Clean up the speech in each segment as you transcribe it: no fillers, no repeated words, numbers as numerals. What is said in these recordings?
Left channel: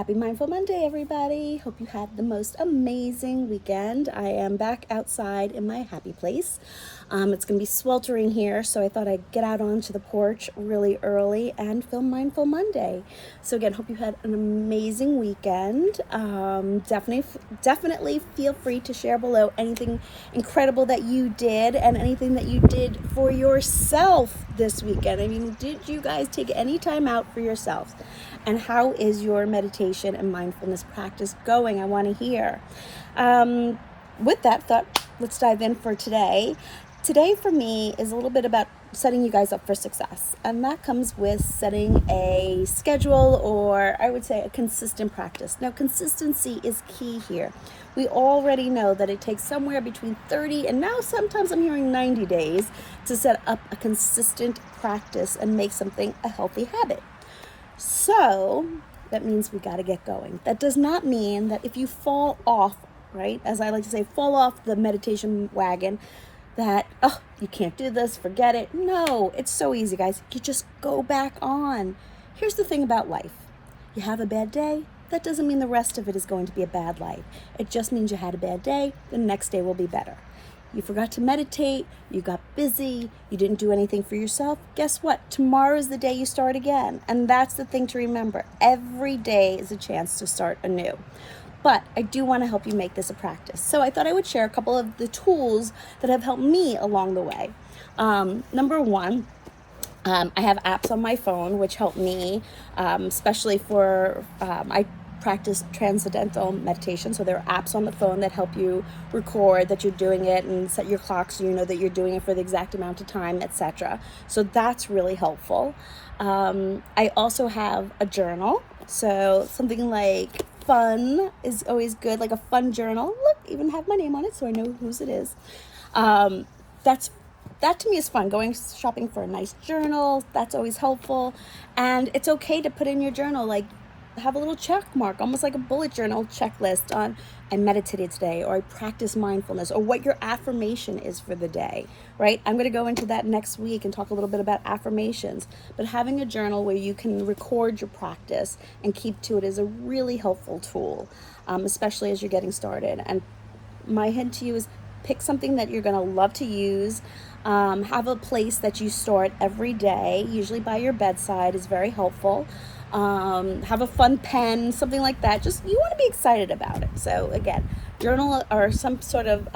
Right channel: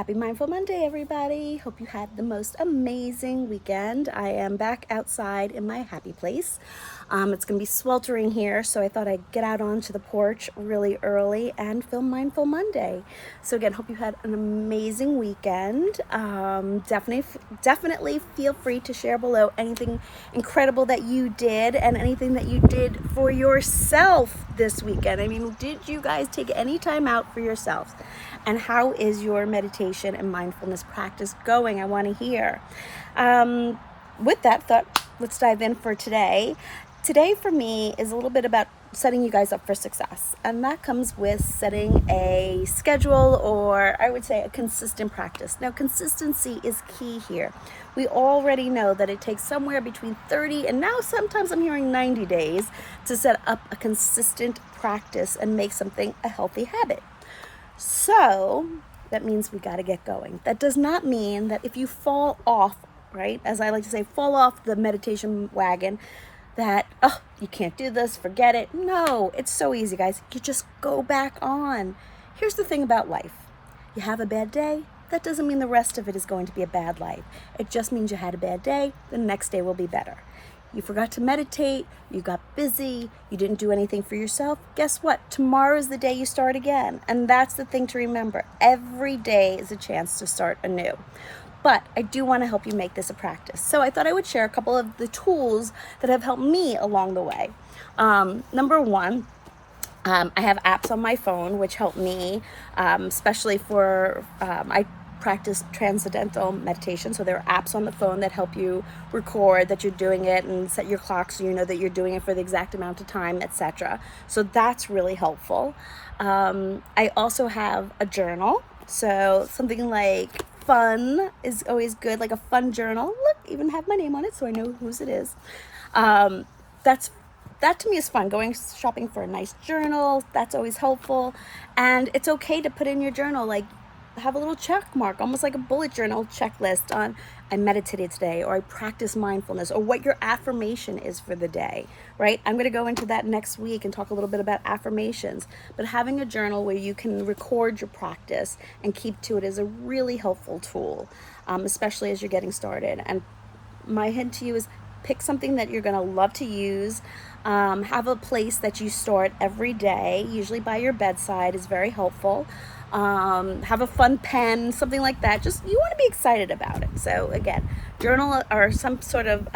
Happy Mindful Monday, everybody. Hope you had the most amazing weekend. I am back outside in my happy place. It's going to be sweltering here, so I thought I'd get out onto the porch really early and film Mindful Monday. So again, hope you had an amazing weekend. Definitely feel free to share below anything incredible that you did and anything that you did for yourself this weekend. I mean, did you guys take any time out for yourselves? And how is your meditation and mindfulness practice going? I want to hear. With that thought, let's dive in for today. Today for me is a little bit about setting you guys up for success. And that comes with setting a schedule, or I would say a consistent practice. Now, consistency is key here. We already know that it takes somewhere between 30 and now sometimes I'm hearing 90 days to set up a consistent practice and make something a healthy habit. So that means we got to get going. That does not mean that if you fall off, right, as I like to say, fall off the meditation wagon, that, oh, you can't do this, forget it. No, it's so easy, guys. You just go back on. Here's the thing about life. You have a bad day. That doesn't mean the rest of it is going to be a bad life. It just means you had a bad day. The next day will be better. You forgot to meditate, you got busy, you didn't do anything for yourself. Guess what? Tomorrow's the day you start again. And that's the thing to remember. Every day is a chance to start anew. But I do want to help you make this a practice. So I thought I would share a couple of the tools that have helped me along the way. Number one, I have apps on my phone which help me, especially for, I practice transcendental meditation. So there are apps on the phone that help you record that you're doing it and set your clock so you know that you're doing it for the exact amount of time, etc. So that's really helpful. I also have a journal. So something like fun is always good, like a fun journal. Look, even have my name on it so I know whose it is. That to me is fun. Going shopping for a nice journal, that's always helpful. And it's okay to put in your journal, like have a little check mark, almost like a bullet journal checklist on I meditated today, or I practice mindfulness, or what your affirmation is for the day, right? I'm going to go into that next week and talk a little bit about affirmations, but having a journal where you can record your practice and keep to it is a really helpful tool, especially as you're getting started. And my hint to you is pick something that you're going to love to use. Have a place that you start every day, usually by your bedside is very helpful. Have a fun pen, something like that. Just, you want to be excited about it. So again, journal or some sort of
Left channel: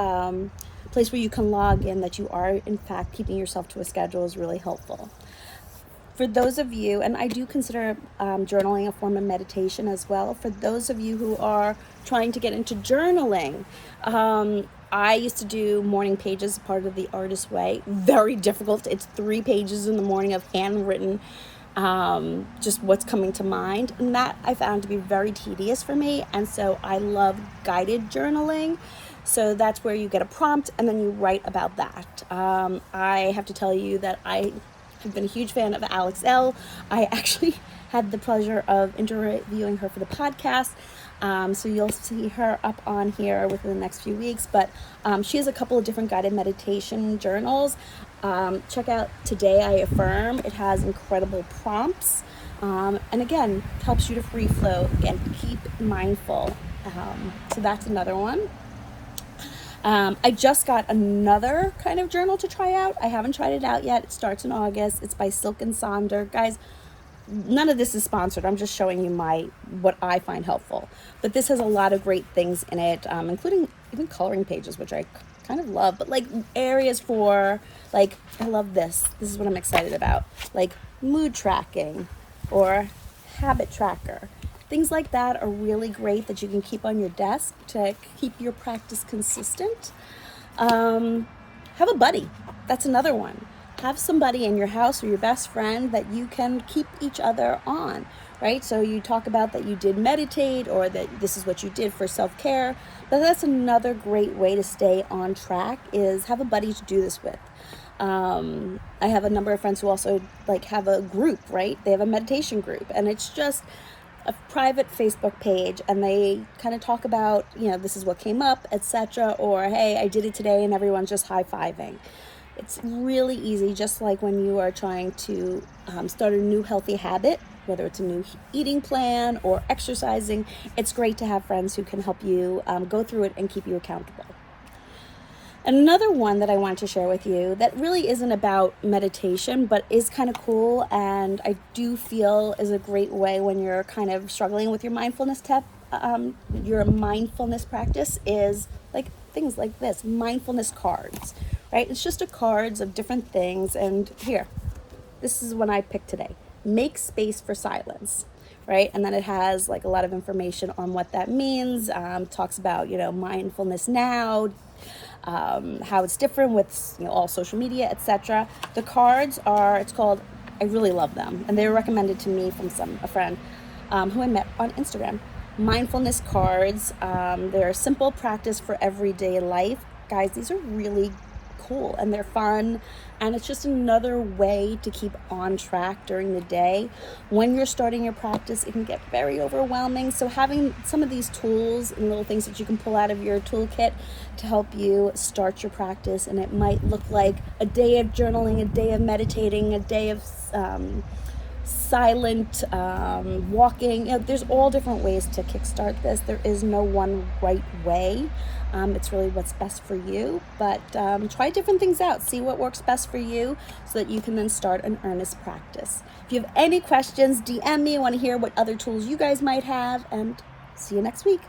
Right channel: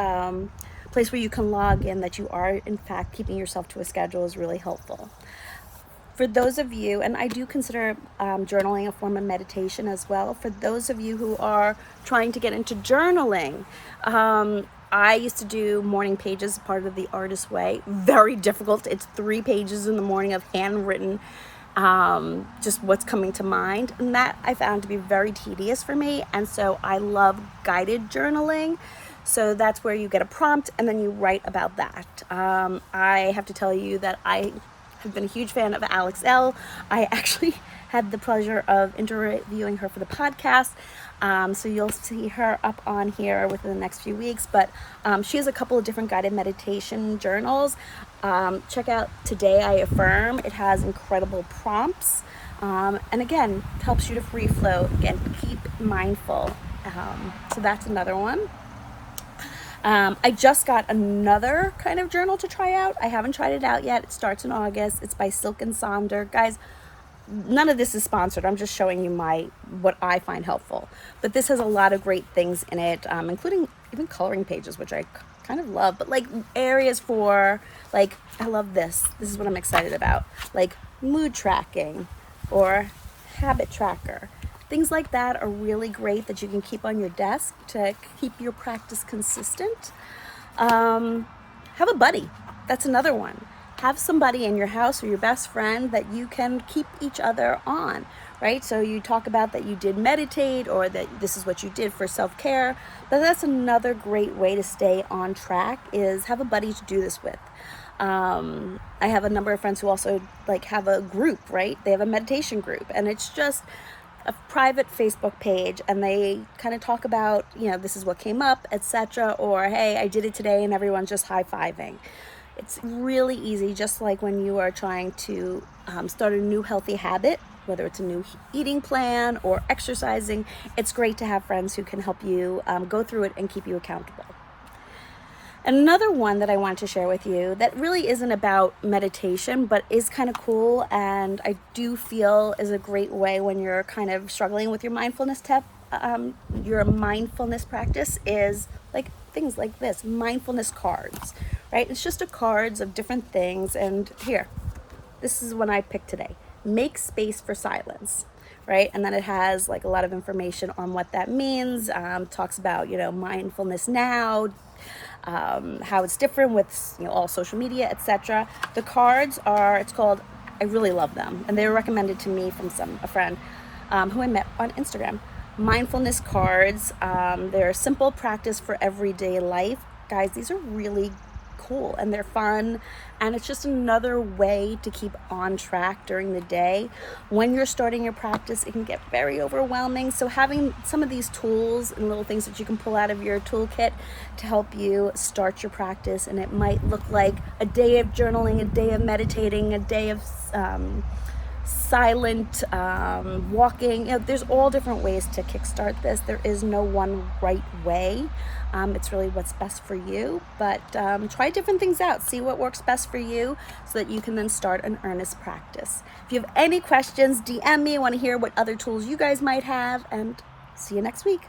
place where you can log in that you are in fact keeping yourself to a schedule is really helpful. For those of you, and I do consider journaling a form of meditation as well, for those of you who are trying to get into journaling, I used to do morning pages, part of the Artist Way. Very difficult. It's 3 pages in the morning of handwritten, just what's coming to mind. And that I found to be very tedious for me. And so I love guided journaling. So that's where you get a prompt and then you write about that. I have to tell you that I have been a huge fan of Alex Elle. I actually had the pleasure of interviewing her for the podcast. So you'll see her up on here within the next few weeks, but she has a couple of different guided meditation journals. Check out Today I Affirm. It has incredible prompts, and again, helps you to free flow. Again, keep mindful. So that's another one. I just got another kind of journal to try out. I haven't tried it out yet. It starts in August. It's by Silk and Sonder. Guys, none of this is sponsored. I'm just showing you what I find helpful. But this has a lot of great things in it, including even coloring pages, which I kind of love. But like areas for, like, I love this. This is what I'm excited about. Like mood tracking or habit tracker. Things like that are really great that you can keep on your desk to keep your practice consistent. Have a buddy. That's another one. Have somebody in your house or your best friend that you can keep each other on, right? So you talk about that you did meditate or that this is what you did for self-care, but that's another great way to stay on track is have a buddy to do this with. I have a number of friends who also like have a group, right? They have a meditation group and it's just a private Facebook page and they kind of talk about, you know, this is what came up, etc. Or, hey, I did it today and everyone's just high-fiving. It's really easy, just like when you are trying to start a new healthy habit. whether it's a new eating plan or exercising. It's great to have friends who can help you go through it and keep you accountable. Another one that I want to share with you that really isn't about meditation, but is kind of cool, and I do feel is a great way when you're kind of struggling with your mindfulness your mindfulness practice, is like things like this, mindfulness cards, right? It's just cards of different things, and here, this is one I picked today. Make space for silence, right? And then it has like a lot of information on what that means. Talks about, mindfulness now, how it's different with all social media, etc. The cards are, I really love them, and they were recommended to me from a friend who I met on Instagram. Mindfulness cards. They're a simple practice for everyday life. Guys, these are really cool and they're fun, and it's just another way to keep on track during the day. When you're starting your practice, it can get very overwhelming, so having some of these tools and little things that you can pull out of your toolkit to help you start your practice, and it might look like a day of journaling, a day of meditating, a day of silent walking. There's all different ways to kickstart this. There is no one right way. It's really what's best for you, but try different things out, see what works best for you, so that you can then start an earnest practice. If you have any questions, DM me. I want to hear what other tools you guys might have, and see you next week.